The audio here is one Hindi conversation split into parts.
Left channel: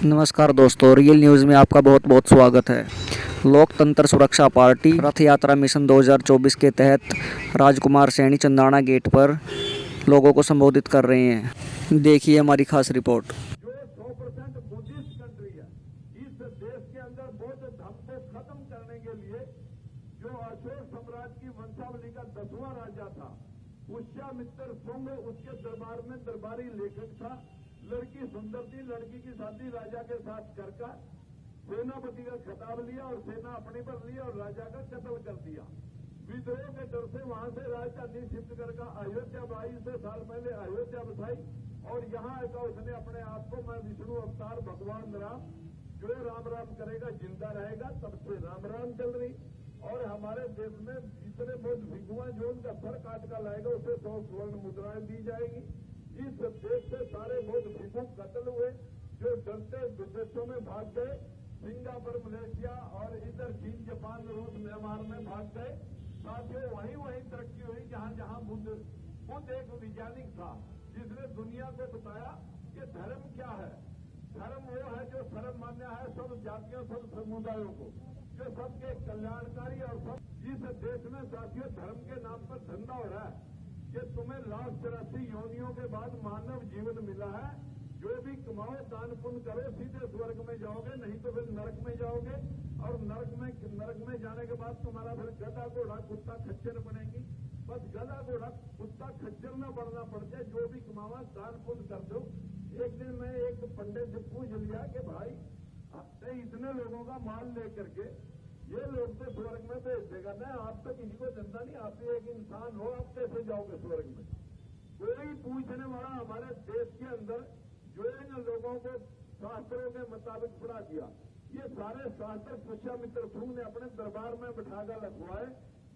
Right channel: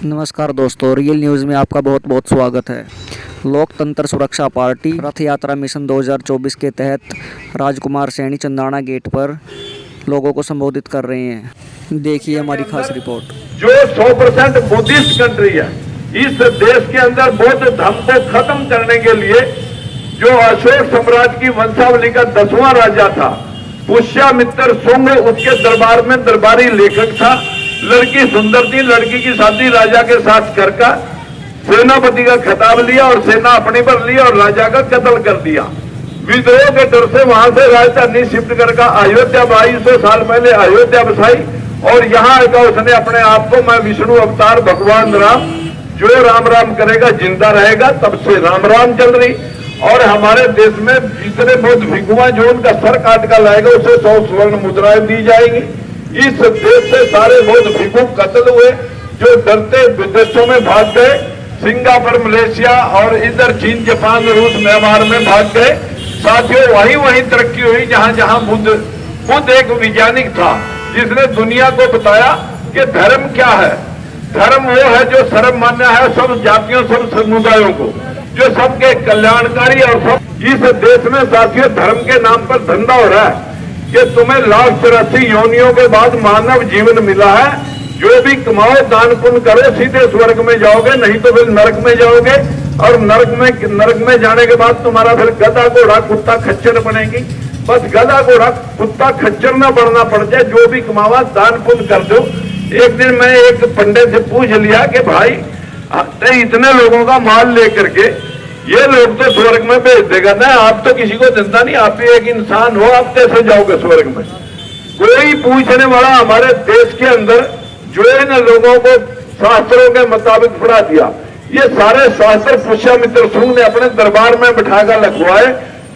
नमस्कार दोस्तों, रियल न्यूज़ में आपका बहुत बहुत स्वागत है। लोकतंत्र सुरक्षा पार्टी रथ यात्रा मिशन 2024 के तहत राजकुमार सैनी चंदाना गेट पर लोगों को संबोधित कर रहे हैं। देखिए हमारी खास रिपोर्ट। जो 100% बुद्धिस्ट कंट्री है, इस देश के अंदर बौद्ध धर्म को खत्म करने के लिए जो अशोक साम्राज्य की वंशावली का 10वां राजा था, पुष्यमित्र शुंग, उसके दरबार में दरबारी लेखक था। लड़की सुंदर थी, लड़की की शादी राजा के साथ करके सेनापति का खिताब लिया और सेना अपनी पर ली और राजा का कत्ल कर दिया। विद्रोह के डर से वहां से राजधानी शिफ्ट करके अयोध्या 2200 साल पहले अयोध्या बसाई और यहाँ आकर उसने अपने आप को मैं विष्णु अवतार भगवान राम, जो राम राम करेगा जिंदा रहेगा, तब से राम राम चल रही। और हमारे देश में जितने बौद्ध भिक्षुआ जो उनका सर काट कर लाएगा उसे 100 स्वर्ण मुद्राएं दी जाएंगी। इस देश से सारे बौद्ध भिक्षु कत्ल हुए जो डरते विदेशों में भाग गए, सिंगापुर, मलेशिया और इधर चीन, जापान, रूस, म्यांमार में भाग गए। साथियों, वहीं तरक्की हुई जहां जहां बुद्ध एक वैज्ञानिक था जिसने दुनिया को बताया कि धर्म क्या है। धर्म वो है जो सर्वमान्य है सब जातियों, सब समुदायों को, जो सबके कल्याणकारी और सब। इस देश में साथियों धर्म के नाम पर धंधा हो रहा है कि तुम्हें 1,84 योनियों के बाद मानव जीवन मिला है, जो भी कमाओ दान पुण्य करो सीधे स्वर्ग में जाओगे, नहीं तो फिर नरक में जाओगे। और नरक में जाने के बाद तुम्हारा फिर गधा घोड़ा कुत्ता खच्चर बनेगी। बस गधा घोड़ा कुत्ता खच्चर ना बनना पड़ जाए, जो भी कमावा दान पुण्य कर दो। एक दिन मैं एक पंडित से पूछ लिया कि भाई इतने लोगों का माल लेकर के ये लोग तो स्वर्ग में भेज देगा ना, आप तो किसी को धंधा नहीं, आप ही एक इंसान हो, आप कैसे जाओगे स्वर्ग में? कोई पूछने वाला हमारे देश के अंदर जो इन लोगों को शास्त्रों के मुताबिक पढ़ा दिया, ये सारे शास्त्र पुष्यमित्र शुंग ने अपने दरबार में बिठाकर लिखवाए,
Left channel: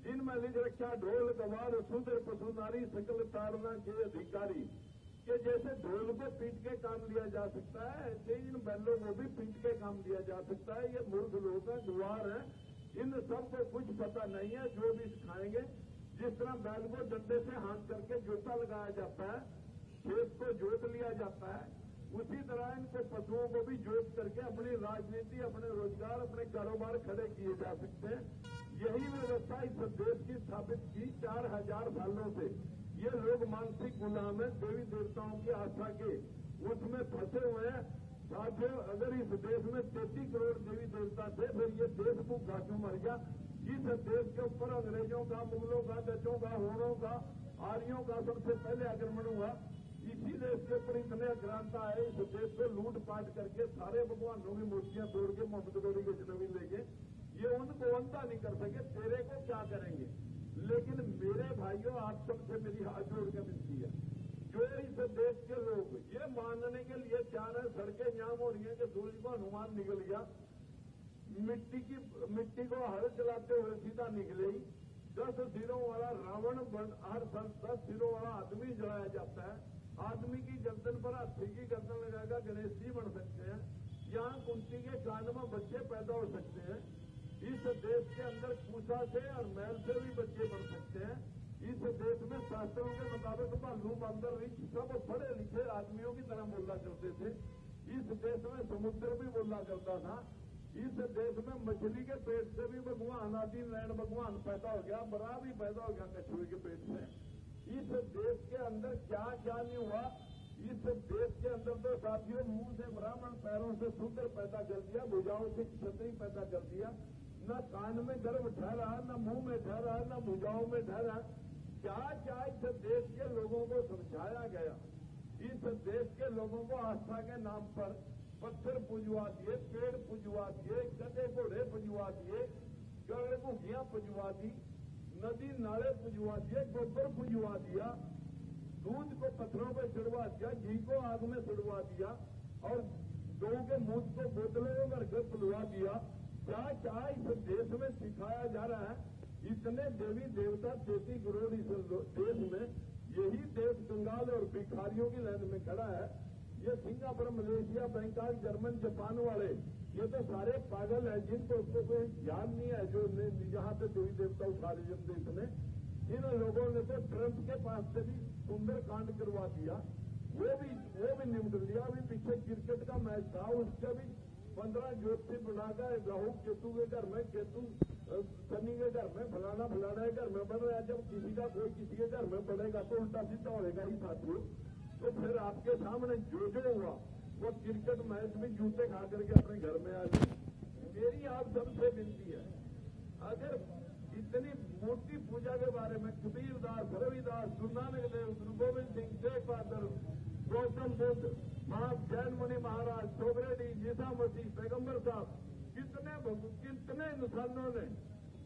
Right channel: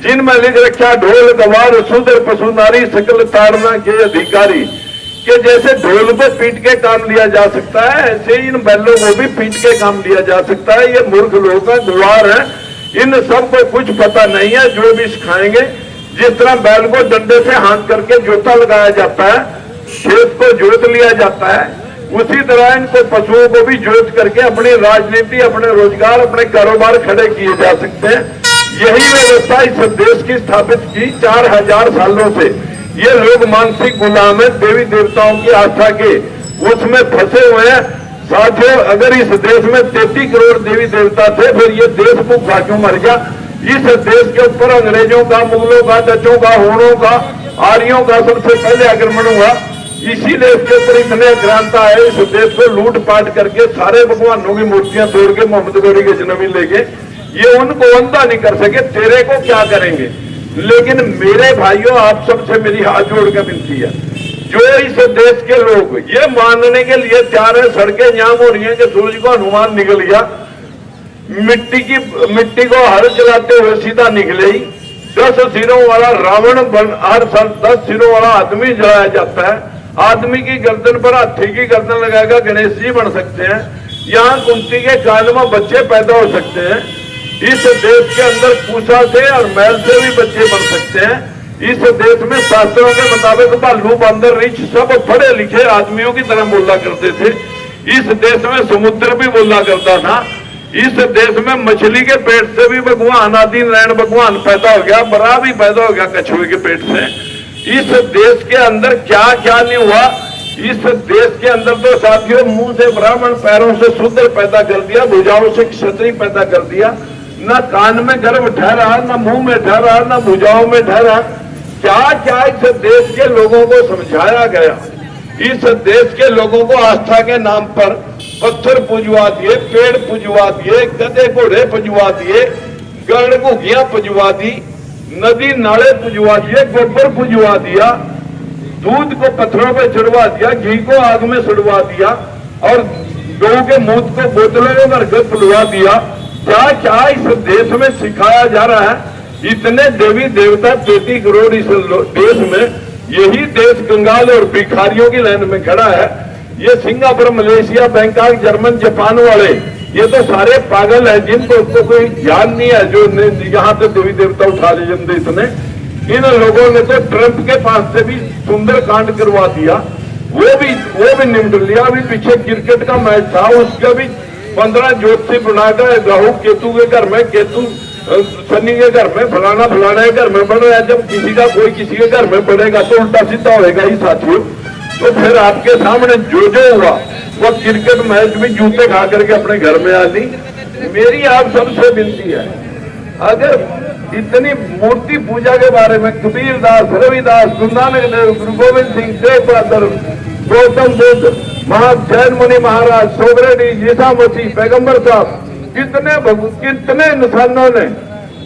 जिनमें लिख रखा ढोल गवार शूद्र पशु नारी सकल ताड़ना के अधिकारी। कि जैसे ढोल को पीट के काम लिया जा सकता है, ऐसे इन बैलों को भी पीट के काम लिया जा सकता है। ये मूर्ख लोग का गुवार है, इन सबको कुछ पता नहीं है। जो भी सिखाएंगे, जिस तरह बैल को डंडे से हाथ करके जोता लगाया जाता है, खेत को जोत लिया जाता है, उसी तरह इनको पशुओं को भी जोत करके अपनी राजनीति, अपने रोजगार, अपने कारोबार खड़े किए जा सकते हैं। यही व्यवस्था इस देश की स्थापित की 4000 सालों से। ये लोग मानसिक गुलाम है, देवी देवताओं की आस्था के उसमें फंसे हुए हैं। साथियों, अगर इस देश में 33 करोड़ देवी देवता थे, फिर ये देश भूखा क्यों मर गया? इस देश के ऊपर अंग्रेजों का, मुगलों का, डचों का, होनों का, आर्यों का सबसे पहले आक्रमण हुआ। इसीलिए इसके ऊपर इतने आक्रांता है। इस देश को लूट पाट करके सारे भगवानों की मूर्तियां तोड़ के मोहम्मद गौरी के जन्म लेके ये उनको अंधा नहीं कर सके। तेरे को क्या करेंगे? लेकिन मेरे भाइयों, आप सबसे मेरी हाथ जोड़ के विनती है, जो इस देश के लोग ये मानने के लिए तैयार है, सड़कें जाम हो रही हैं कि सूरज को हनुमान निकल गया, मिट्टी को हर जलाते हुए सीधा निकले ही, 10 सिरों वाला रावण हर साल 10 सिरों वाला आदमी जलाया जाता है। आदमी की गर्दन पर हाथी की गर्दन लगाएगा गणेश जी बन सकते हैं। यहाँ कुंती के कान में बच्चे पैदा हो सकते हैं। इस देश के अंदर पूछा से और मैल से भी बच्चे बन सकते हैं। इस देश में शास्त्रों के मुताबिक भालू, बंदर, रीछ सब पढ़े लिखे आदमियों की तरह बोला करते थे। इस देश में समुद्र भी बोला करता था। इस देश में मछली के पेट से भी भगवान, आदि नारायण भगवान पैदा हो गया, बरा भी पैदा हो गया कछुए के पेट से। इस देश के अंदर क्या क्या नहीं हुआ। इस देश के अंदर तो साथियों मुंह से ब्राह्मण, पैरों से शूद्र पैदा कर दिया, भुजाओं से क्षत्रिय पैदा कर दिया। न कान में गर्भ ठहरा, न मुंह में ठहरा, न भुजाओं में ठहरा। क्या क्या इस देश के लोगों को समझाया गया। इस देश के लोगों को आस्था के नाम पर पत्थर पुजवा दिए, पेड़ पुजवा दिए, गधे घोड़े पुजवा दिए, गढ़ घुगियां पुजवा दी, नदी नाले पुजवा दिए, गोबर पुजवा दिया, दूध को पत्थरों पे चढ़वा दिया, घी को आग में सड़वा दिया और गौ के मूत्र को बोतलों में भर कर पुलवा दिया। क्या क्या इस देश में सिखाया जा रहा है। इतने देवी देवता 33 करोड़ इस देश में, यही देश कंगाल और भिखारियों की लाइन में खड़ा है। ये Singapore, Malaysia, Bangkok, German, Japan वाले ये तो सारे पागल है, जिनको कोई ज्ञान नहीं है, जो यहाँ से देवी देवता उठा ले इतने। इन लोगों ने तो ट्रंप के पास से भी सुंदर कांड करवा दिया। वो भी निपट लिया। अभी पीछे क्रिकेट का मैच था, उसके भी 15 ज्योति बनाकर राहु केतु के घर में, केतु शनि के घर में, फलाना के घर में बन रहा है। जब किसी का कोई किसी के घर में पड़ेगा तो उल्टा सीधा होएगा ही साथियों। तो फिर आपके सामने जो हुआ वो क्रिकेट मैच भी जूते खा करके अपने घर में आ दी। मेरी आप सबसे विनती है, अगर इतनी मूर्ति पूजा के बारे में कबीरदास, रविदास, गुरु नानक देव, गुरु गोविंद सिंह, तेग बहादुर, गौतम बुद्ध, जैन मुनि महाराज, सोबरेडी, ईसा मसीह, पैगंबर साहब, कितने इंसानों ने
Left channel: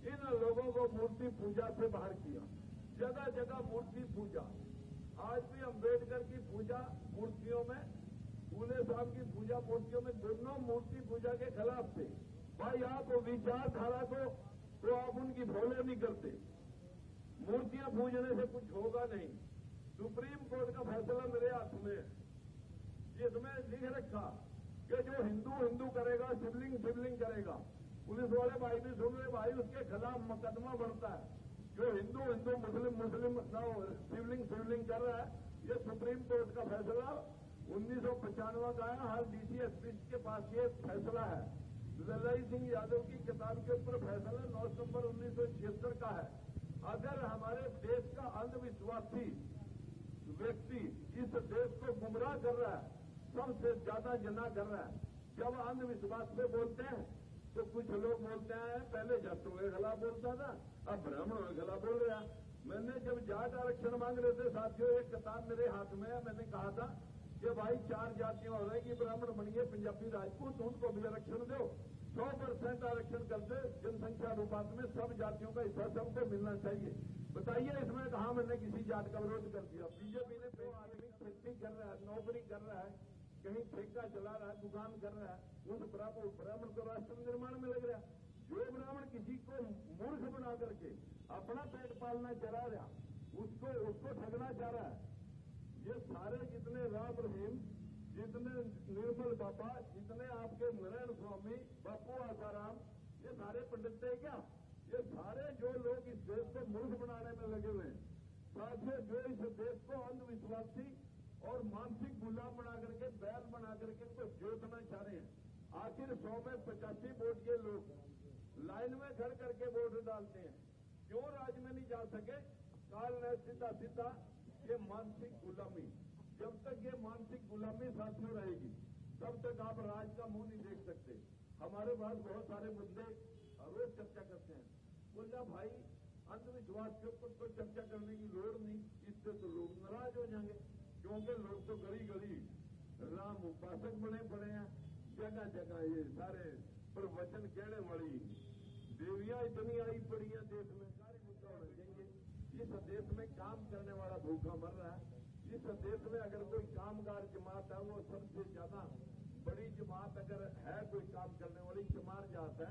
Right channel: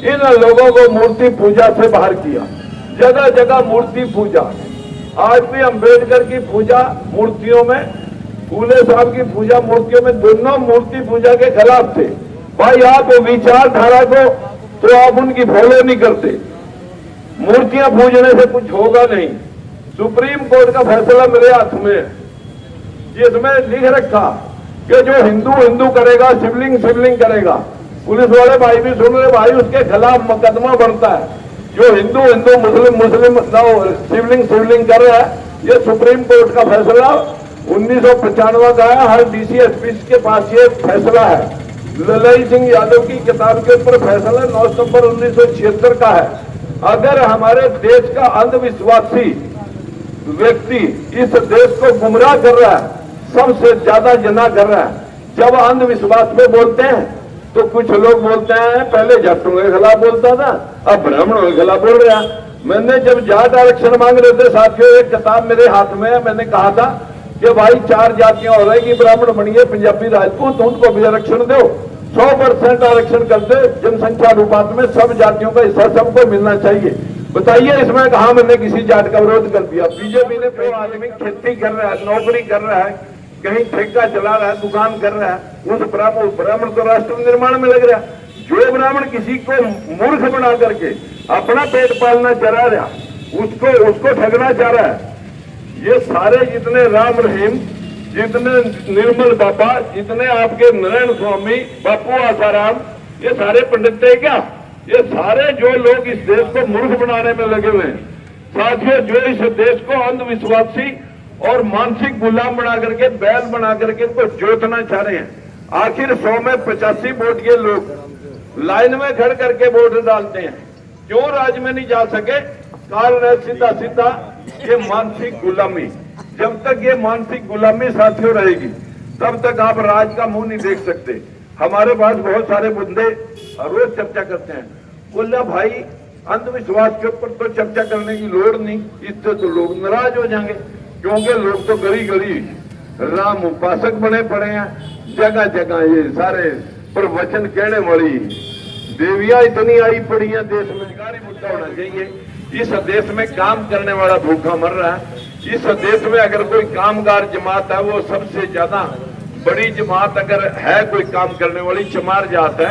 इन लोगों को मूर्ति पूजा से बाहर किया। जगह जगह मूर्ति पूजा। आज भी अम्बेडकर की पूजा मूर्तियों में, फूले साहब की पूजा मूर्तियों में, दोनों मूर्ति पूजा के खिलाफ थे। भाई आप विचारधारा को तो आप उनकी फॉलो नहीं करते। मूर्तियां पूजने से कुछ होगा नहीं। सुप्रीम कोर्ट का फैसला मेरे हाथ में है, जिसमें लिख रखा कि जो हिंदू हिंदू करेगा, शिवलिंग शिवलिंग करेगा। पुलिस वाले भाई भी सुन रहे भाई, उसके खिलाफ मुकदमा बनता है। जो हिंदू हिंदू, मुस्लिम मुस्लिम शिवलिंग शिवलिंग कर रहा है, ये सुप्रीम कोर्ट का फैसला 1995 का है। हर डीसीएसपी के पास ये फैसला है। ललाई सिंह यादव की किताब के ऊपर फैसला 9 सितंबर 1976 का है। अगर हमारे देश का अंधविश्वासी व्यक्ति इस देश को गुमराह कर रहा है, सबसे ज्यादा जना कर रहा है। जब अंधविश्वास पे बोलते हैं तो कुछ लोग बोलते हैं पहले जाटों के खिलाफ बोलता था, अब ब्राह्मणों के खिलाफ बोल रहा। मैंने जब जाट आरक्षण मांग रहे थे साथियों, एक किताब मेरे हाथ में है, मैंने कहा था कि भाई 4 जातियां हो रही कि ब्राह्मण बनिए, पंजाबी, राजपूत, उनको भी आरक्षण दो, 100% आरक्षण कर दे। जनसंख्या अनुपात में सब जातियों का हिस्सा सबको मिलना चाहिए। बताइए इसमें कहा मैंने किसी जाट का विरोध कर दिया। बीजेपी ने जो आदमी खेती कर रहा है, नौकरी कर रहा है, कहीं ठेका चला रहा है, दुकान कर रहा है, उस ब्राह्मण तो राष्ट्र निर्माण में लग रहा है। जो ब्राह्मण किसी को मूर्ख बना करके अपना पेट पालना चला रहा, उसको ठगना चाह रहा है। ये सारे जितने राम रहीम, जितने निर्मल बाबा, जितने आपके नारायण स्वामी, बापू आसाराम, ये सारे पंडित थे क्या? ये सारे जो लोग इस देश को मूर्ख बनाने में लगे हुए हैं साथियों, जो इस देश को अंधविश्वासी और मानसिक गुलाम बना करके, बैल बना करके इनको जोतना चाह रहे हैं। आखिर 100 में 85 वोट के लोग लाइन में खड़ करके वोट डालते हैं, क्यों राज में नहीं जा सके? कारण है सीधा सीधा ये मानसिक गुलामी। जब तक ये मानसिक गुलामी साथियों रहेगी, तब तक आप राज का मुंह नहीं देख सकते। हमारे पास बहुत सारे बंदे रोज चर्चा करते हैं, बोला भाई अंधविश्वास के ऊपर तो चर्चा करने की लोड़ नहीं, इससे तो लोग नाराज हो जाएंगे, क्योंकि लोग तो गली गली राम उपासक बने पड़े हैं। जगह जगह ये सारे प्रवचन कहने वाली देवियां इतनी आई पड़ी हैं देश में। रोजगारी मुद्दा होना चाहिए। इस देश में काम करने वाला भूखा मर रहा है। इस देश में अगर कोई कामगार जमात है, वो सबसे ज्यादा बड़ी जमात अगर है कोई काम करने वाली, चमार जात है।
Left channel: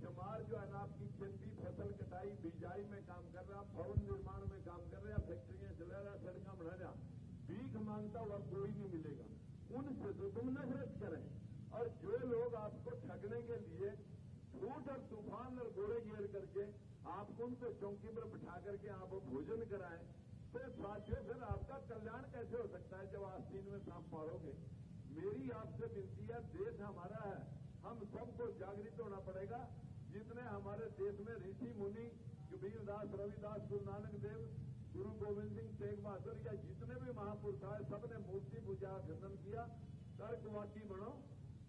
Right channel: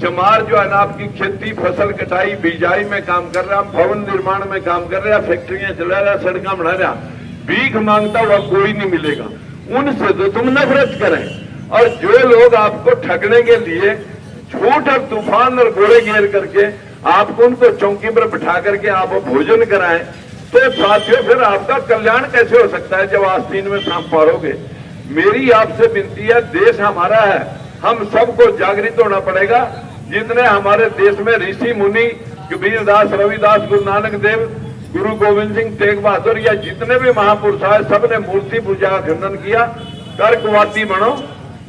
चमार जो है ना, आपकी खेती, फसल कटाई, बिजाई में काम कर रहा, भवन निर्माण में काम कर रहा, फैक्ट्रियां चला रहा, सड़क बना रहा। भीख मांगता हुआ कोई नहीं मिलेगा। उनसे तो तुम नफरत करें। और जो लोग आपको ठगने के लिए झूठ और तूफान और घोड़े घेर करके आपको उनको चौकी पर बिठा करके आप भोजन कराएं, तो साथियों फिर आपका कल्याण कैसे हो सकता है जब आस्तीन में सांप मारोगे? मेरी आपसे विनती है, देश हमारा है, हम सबको जागृत होना पड़ेगा। जितने हमारे देश में ऋषि मुनि, कबीरदास, रविदास, गुरु नानक देव, गुरु गोविंद सिंह, तेग बहादुर, या जितने भी महापुरुष आए, सबने मूर्ति पूजा का खंडन किया। कर्कवादी बनो,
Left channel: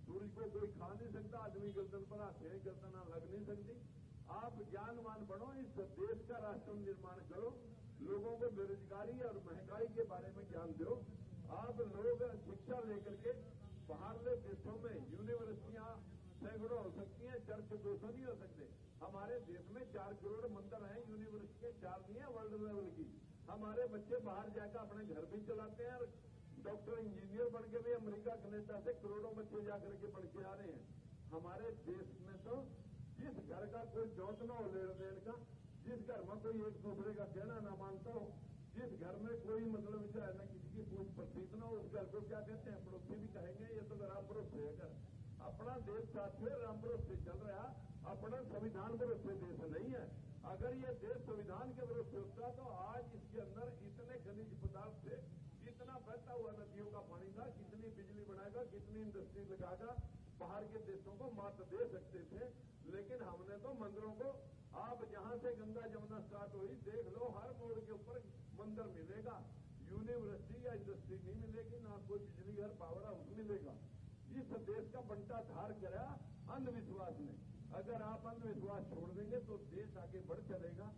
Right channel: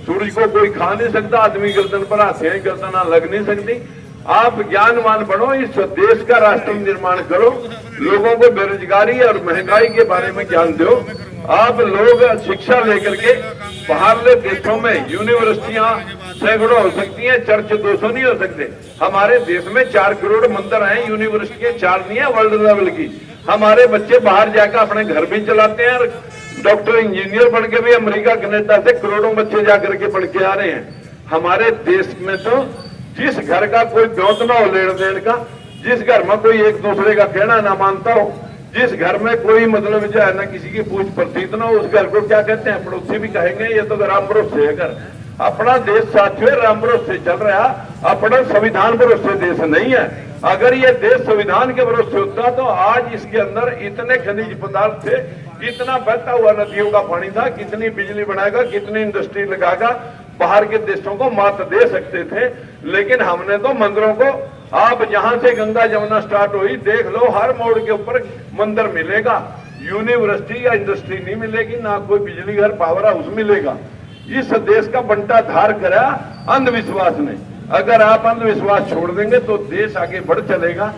सूर्य को कोई खा नहीं सकता, आदमी गर्दन पर हाथे गर्दन लग नहीं सकती। आप ज्ञानवान बनो, इस देश का राष्ट्र निर्माण करो, लोगों को बेरोजगारी और महंगाई के बारे में ज्ञान दो। आप लोग शिक्षा लेकर के बाहरले देशों में यूनिवर्सिटियां सैकड़ों हो सकती हैं, चर्च 200 नहीं हो सकते। हमारे देश में 4 करोड़ मंदिर हैं, यूनिवर्सिटियां 4 नहीं है वर्ल्ड लेवल की। हमारे बच्चे बाहर जाकर अपने घर भी चलाते हैं, और डॉक्टर इंजीनियर बन के भी अमेरिका कनाडा से करोड़ों बच्चे जाकर के पढ़ के आ रहे हैं। हमारे देश में तो जिस घर का कोई ब्योत ना हो लेन देन का, जिस घर में कोई एक दूसरे का कहना ना मानता हो, जिस घर में कोई मतलब जो है ना किसी की पूछ प्रतीत ना हो, उस घर को क्या कहते हैं? पड़ोसी भी कहेंगे ये तो राम भरोसे है घर। अपना देश साथियों राम भरोसे चल रहा, अपना संविधान भरोसे देश नहीं है। अगर ये देश संविधान के भरोसे होता तो आज इसके अंदर इतने खनिज पदार्थ थे, इतना बहता हुआ नदियों का पानी था, कितनी बिजली बनाएगा, कितनी इंडस्ट्री लगाएगा, बाहर के देशों को मात दे सकते थे। लेकिन हमने तो मंदिरों को, आप जहां से गंगा जमुना स्टार्ट हुई देख लो, हर मोड़ के ऊपर मंदिर मिलेगा, यूनिवर्सिटी या इंडस्ट्री नहीं मिलेगी, ना कोई बिजली घर पावर हाउस मिलेगा। इस देश का बंटा धार करा अंधविश्वास ने। अगर आप अंधविश्वास छोड़ देंगे तो देश आगे बढ़ चलेगा।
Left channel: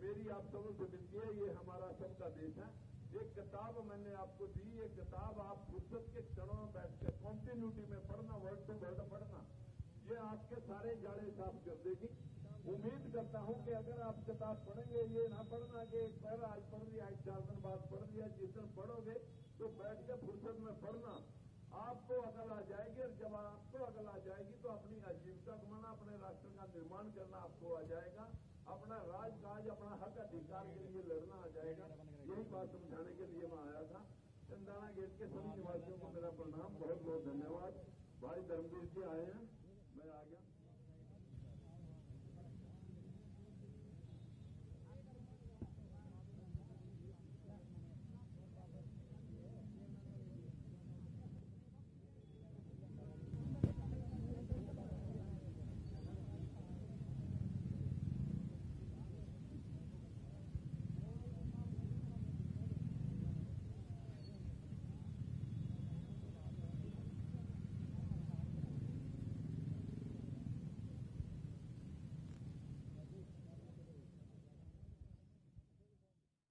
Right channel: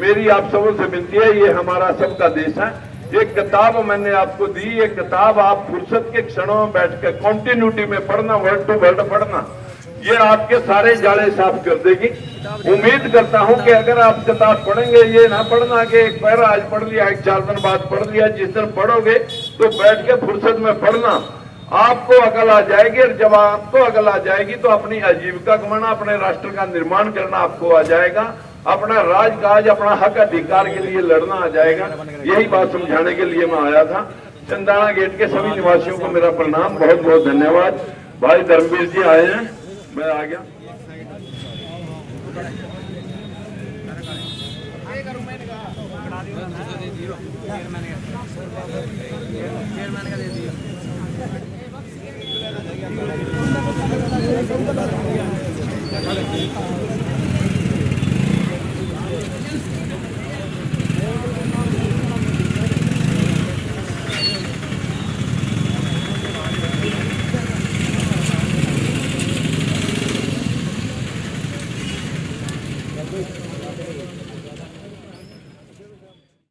मेरी आप सबों से विनती है, ये हमारा सबका देश है। एक किताब मैंने आपको दी, ये किताब आप फुर्सत के क्षणों में बैठ कर कॉन्टिन्यूटी में पढ़ना, वर्ड टू वर्ड पढ़ना, ये आपके सारे जाले साफ कर देगी। उम्मीद करता हूं कि अगर आप किताब पढ़ेंगे, ये ना पढ़ना कि एक पैरा आज पढ़ लिया, एक 4 दिन बाद पढ़ लिया। जिस दिन पढ़ोगे तो बैठ के फुर्सत में पढ़ना, आपको अकल आ जाएगी। और जब आपको अकल आ जाएगी तो अपनी आजीविका कमाना, अपने राष्ट्र का निर्माण करना आपको आ जाएगा, अपना राजकाज, अपना हक अधिकार के लिए लड़ना आ जाएगा। यही बात समझाने के लिए मैं आया था। चंदाना गेट के सभी निवासियों को मेरा प्रणाम, बहुत बहुत धन्यवाद। भाई धर्मवीर जी आए हैं, मैं आ गया। चेयरमैन का दे दिया।